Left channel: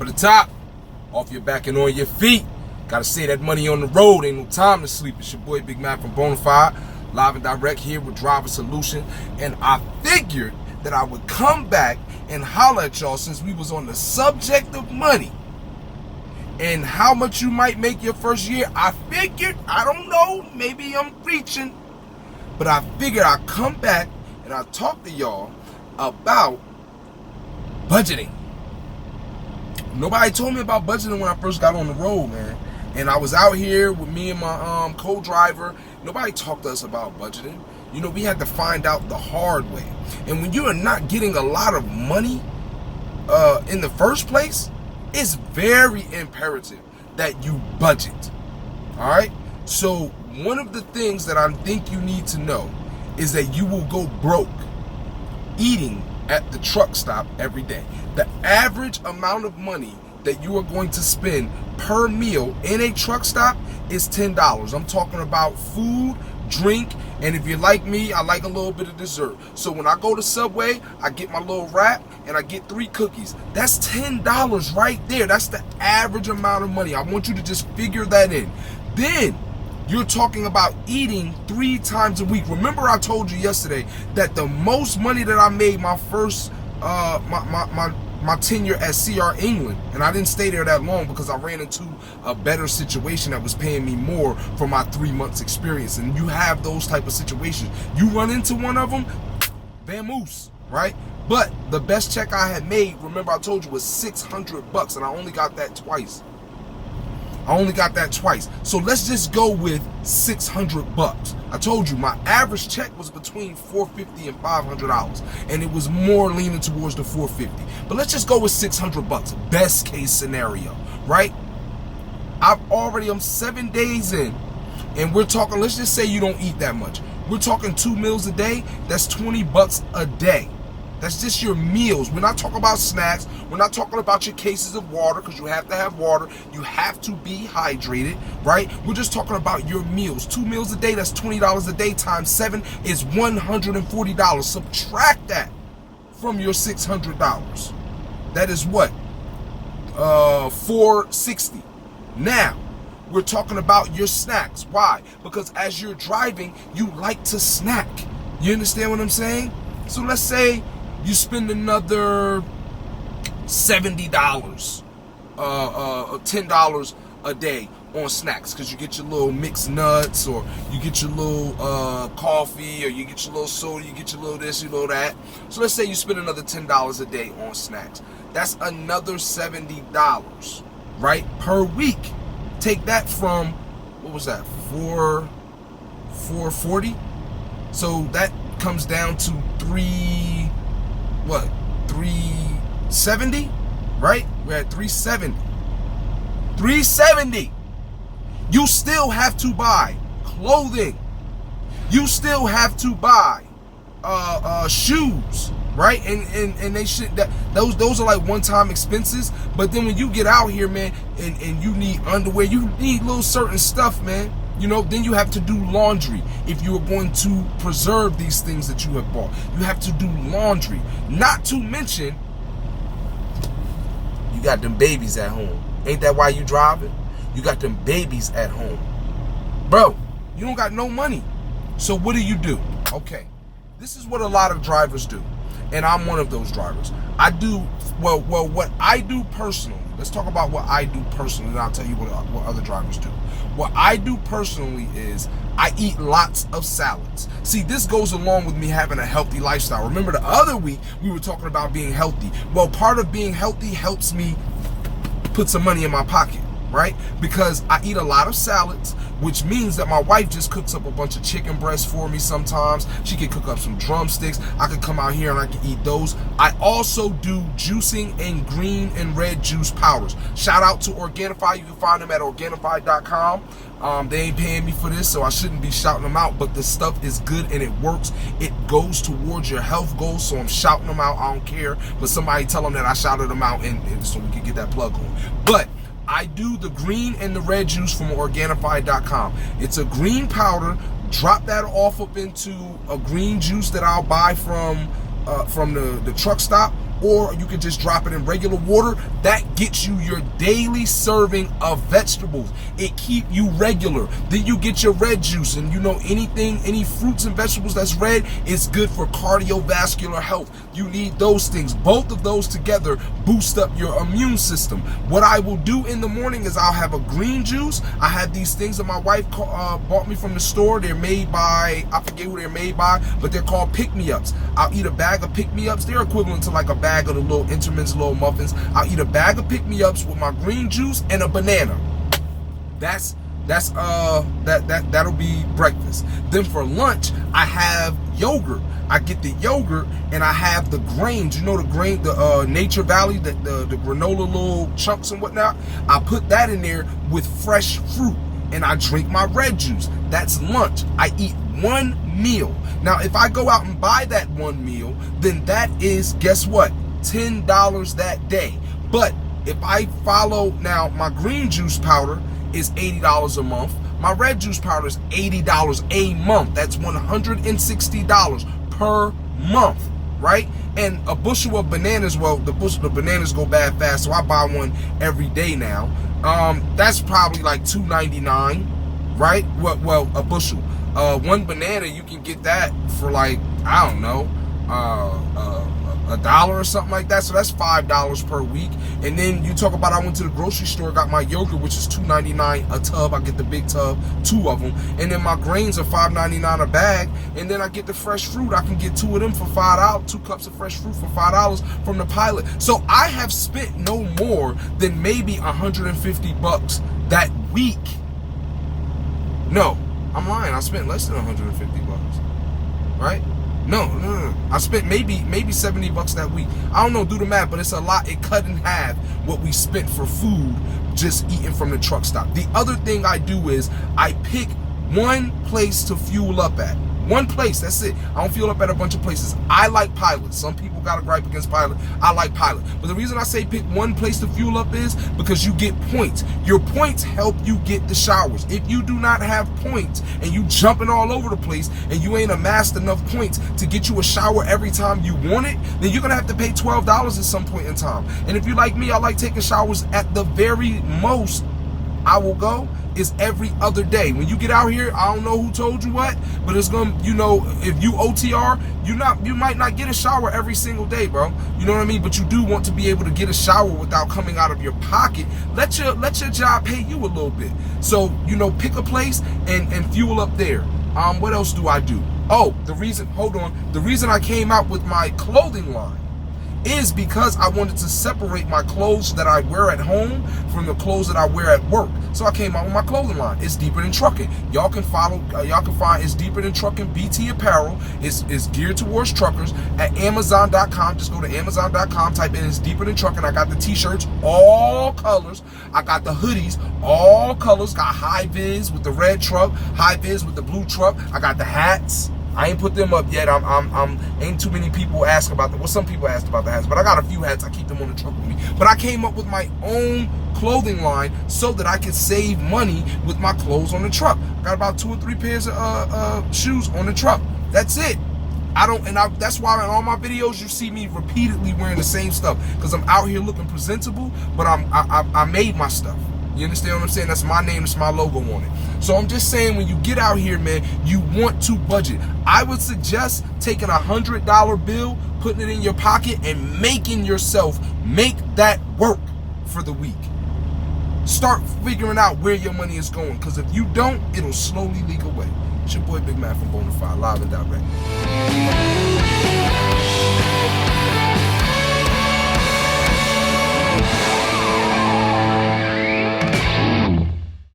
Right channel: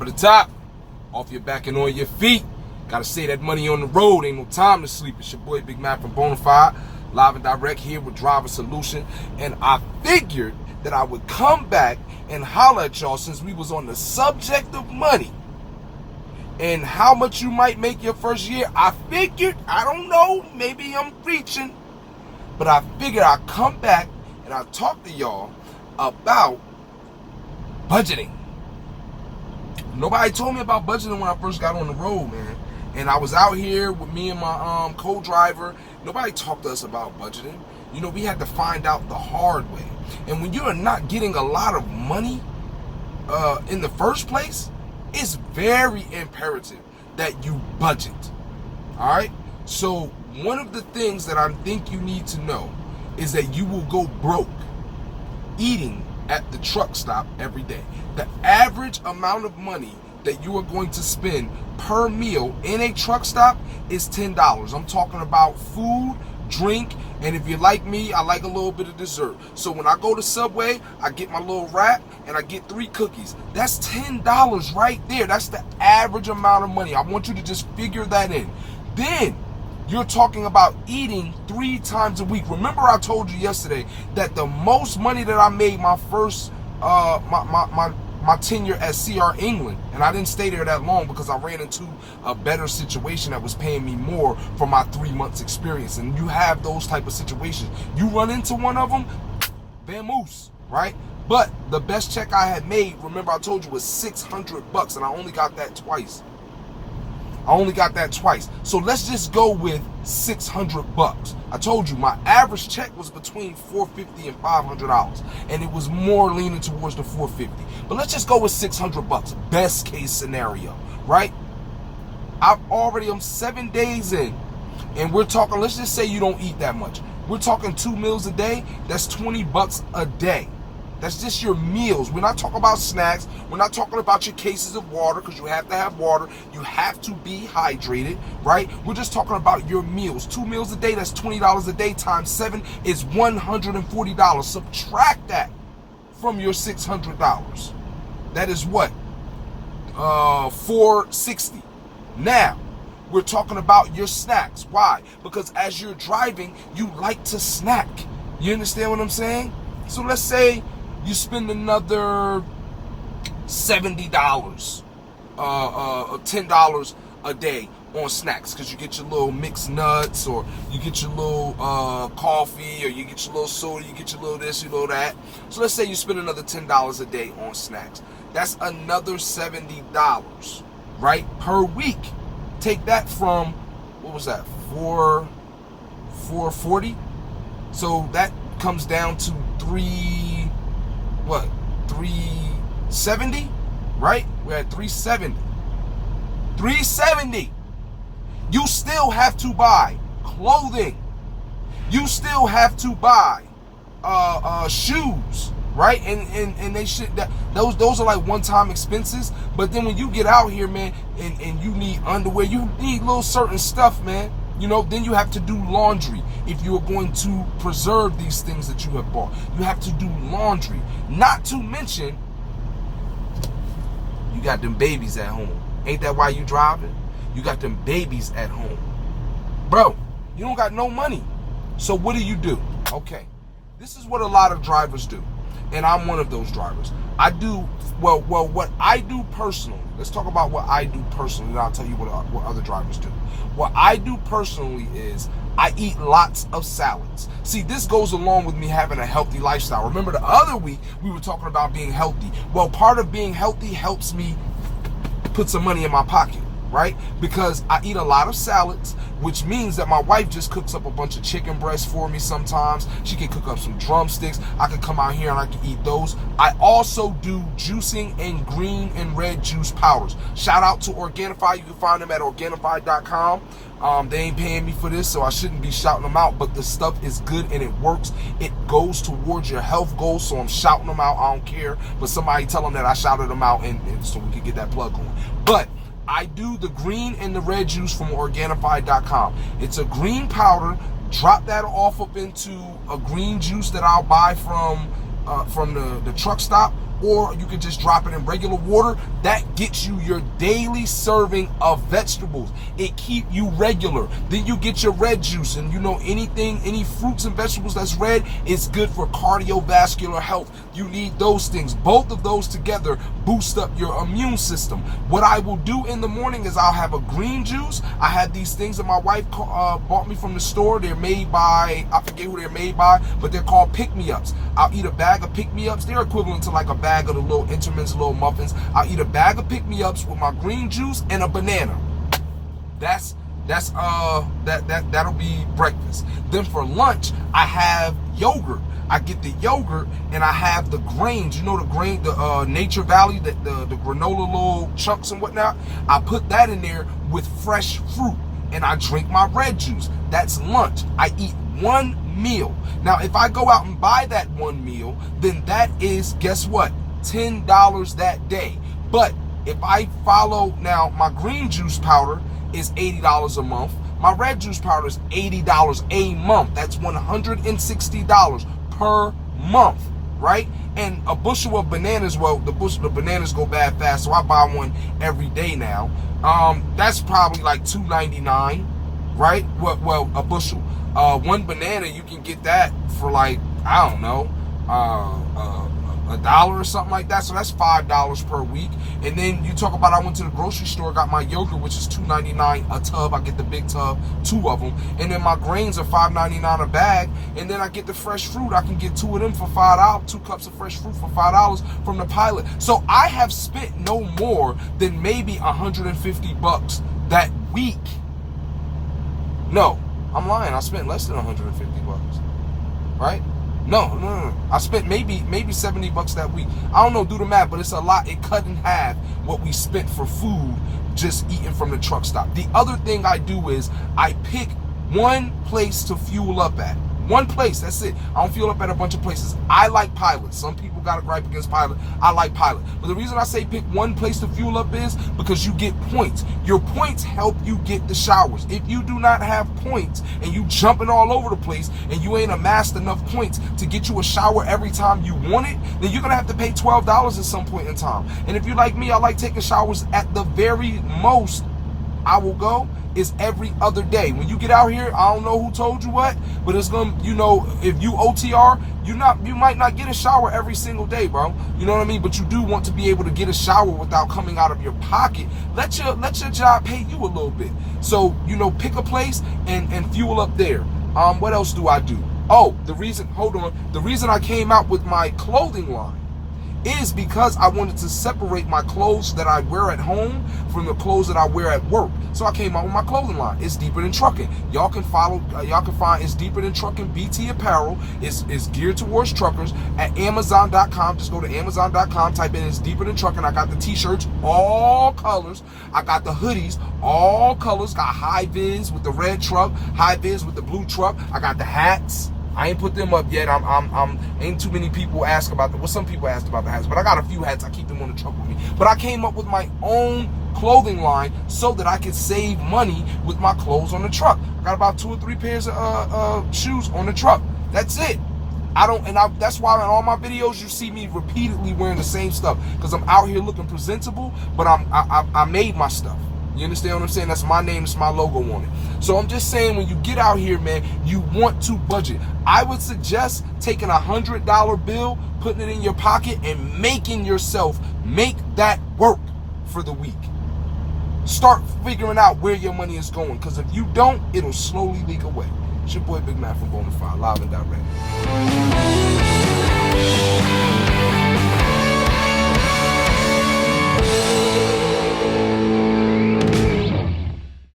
For the top, off your back and on your feet. Gotta save that money on the road. Ain't no time to sleep. It's your boy Big Man from Bonafide, live and direct here with Driver Solution. And I figured that I would come back and holler at y'all since we was on the subject of money and how much you might make your first year. I figured, I don't know, maybe I'm preaching, but I figured I'd come back and I'd talk to y'all about budgeting. Nobody told me about budgeting when I first got on the road, man. And I was out here with me and my co-driver. Nobody talked to us about budgeting. You know, we had to find out the hard way. And when you are not getting a lot of money in the first place, it's very imperative that you budget. All right? So one of the things that I think you need to know is that you will go broke eating at the truck stop every day. The average amount of money that you are going to spend per meal in a truck stop is $10. I'm talking about food, drink, and if you're like me, I like a little bit of dessert. So when I go to Subway, I get my little wrap and I get 3 cookies. That's $10 right there. That's the average amount of money. I want you to just figure that in. Then you're talking about eating 3 times a week. Remember I told you yesterday that the most money that I made my first my tenure at CR England, and I didn't stay there that long because I ran into a better situation that was paying me more for my 3 months experience. And you have those type of situations. You run into one of them, vamoose, right? But the best check I had made, remember I told you, was $600, and I only got that twice. So let's just go with $600. I told you my average check was between $450 and $500, and it was more leaning towards the $450. But let's just go with $600. Best case scenario, right? I'm 7 days in, and we're talking. Let's just say you don't eat that much. We're talking 2 meals a day. That's $20 a day. That's just your meals. We're not talking about snacks. We're not talking about your cases of water, because you have to have water. You have to be hydrated, right? We're just talking about your meals. 2 meals a day, that's $20 a day, times 7 is $140. Subtract that from your $600. That is what? $460. Now, we're talking about your snacks. Why? Because as you're driving, you like to snack. You understand what I'm saying? So let's say you spend another $70, $10 a day on snacks, because you get your little mixed nuts, or you get your little coffee, or you get your little soda, you get your little this, you little that. So let's say you spend another $10 a day on snacks. That's another $70, right, per week. Take that from, what was that, 440? So that comes down to 370, right? We're at 370. 370. You still have to buy clothing. You still have to buy shoes, right? And they should, that those are like one-time expenses. But then when you get out here, man, and you need underwear, you need little certain stuff, man. You know, then you have to do laundry. If you are going to preserve these things that you have bought, you have to do laundry. Not to mention, you got them babies at home. Ain't that why you driving? You got them babies at home. Bro, you don't got no money. So what do? Okay, this is what a lot of drivers do. And I'm one of those drivers. I do, well, what I do personally, let's talk about what I do personally, and I'll tell you what other drivers do. What I do personally is I eat lots of salads. See, this goes along with me having a healthy lifestyle. Remember the other week we were talking about being healthy. Well, part of being healthy helps me put some money in my pocket, right? Because I eat a lot of salads, which means that my wife just cooks up a bunch of chicken breasts for me sometimes. She can cook up some drumsticks. I can come out here and I can eat those. I also do juicing and green and red juice powders. Shout out to Organifi. You can find them at Organifi.com. They ain't paying me for this, so I shouldn't be shouting them out, but the stuff is good and it works. It goes towards your health goals, so I'm shouting them out. I don't care, but somebody tell them that I shouted them out, and so we can get that plug on. But I do the green and the red juice from Organifi.com. It's a green powder. Drop that off up into a green juice that I'll buy from the truck stop, or you can just drop it in regular water. That gets you your daily serving of vegetables. It keep you regular. Then you get your red juice, and you know any fruits and vegetables that's red is good for cardiovascular health. You need those things. Both of those together boost up your immune system. What I will do in the morning is I'll have a green juice. I had these things that my wife bought me from the store. They're made by, I forget who they're made by, but they're called pick-me-ups. I'll eat a bag of pick-me-ups. They're equivalent to like a bag of the little Entenmann's little muffins. I'll eat a bag of pick-me-ups with my green juice and a banana. That'll be breakfast. Then for lunch, I have yogurt. I get the yogurt and I have the grains. You know the grain, the Nature Valley, the granola little chunks and whatnot. I put that in there with fresh fruit and I drink my red juice. That's lunch. I eat one meal. Now, if I go out and buy that one meal, then that is, guess what? $10 that day. But if I follow, now my green juice powder is $80 a month. My red juice powder is $80 a month. That's $160 per month, right? And a bushel of bananas, well, the bananas go bad fast, so I buy one every day now. That's probably like $2.99, right? Well, a bushel. One banana, you can get that for like, I don't know, $1 or something like that. So that's $5 per week. And then you talk about, I went to the grocery store, got my yogurt, which is $2.99 a tub. I get the big tub, 2 of them. And then my grains are $5.99 a bag. And then I get the fresh fruit. I can get 2 of them for $5, 2 cups of fresh fruit for $5 from the Pilot. So I have spent no more than maybe $150 that week. No, I'm lying. I spent less than $150, right? No. I spent maybe $70 that week. I don't know, do the math, but it's a lot. It cut in half what we spent for food just eating from the truck stop. The other thing I do is I pick one place to fuel up at. One place, that's it. I don't fuel up at a bunch of places. I like Pilot. Some people got a gripe against Pilot. I like Pilot. But the reason I say pick one place to fuel up is because you get points. Your points help you get the showers. If you do not have points and you jumping all over the place and you ain't amassed enough points to get you a shower every time you want it, then you're going to have to pay $12 at some point in time. And if you're like me, I like taking showers at the very most I will go is every other day. When you get out here, I don't know who told you what, but it's gonna, you know, if you OTR, you might not get a shower every single day, bro. You know what I mean? But you do want to be able to get a shower without coming out of your pocket. Let your job pay you a little bit. So, you know, pick a place and fuel up there. What else do I do? Oh, the reason I came out with my clothing line is because I wanted to separate my clothes that I wear at home from the clothes that I wear at work. So I came out with my clothing line. It's Deeper Than Trucking. Y'all can find It's Deeper Than Trucking BT Apparel. It's geared towards truckers at Amazon.com. Just go to Amazon.com, type in It's Deeper Than Trucking. I got the t-shirts, all colors. I got the hoodies, all colors. Got high vis with the red truck, high vis with the blue truck. I got the hats. I ain't put them up yet. Ain't too many people ask about them. Well, some people asked about the hats, but I got a few hats. I keep them on the truck with me. But I came up with my own clothing line so that I can save money with my clothes on the truck. I got about 2 or 3 pairs of shoes on the truck. That's it. That's why in all my videos you see me repeatedly wearing the same stuff, because I'm out here looking presentable, but I made my stuff. You understand what I'm saying? That's my name, it's my logo on it. So I'm just saying, when you get out here, man, you want to budget. I would suggest taking a $100 bill, putting it in your pocket, and making yourself make that work for the week. Start figuring out where your money is going, because if you don't, it'll slowly leak away. It's your boy Big Mac from Bonafide, live and direct.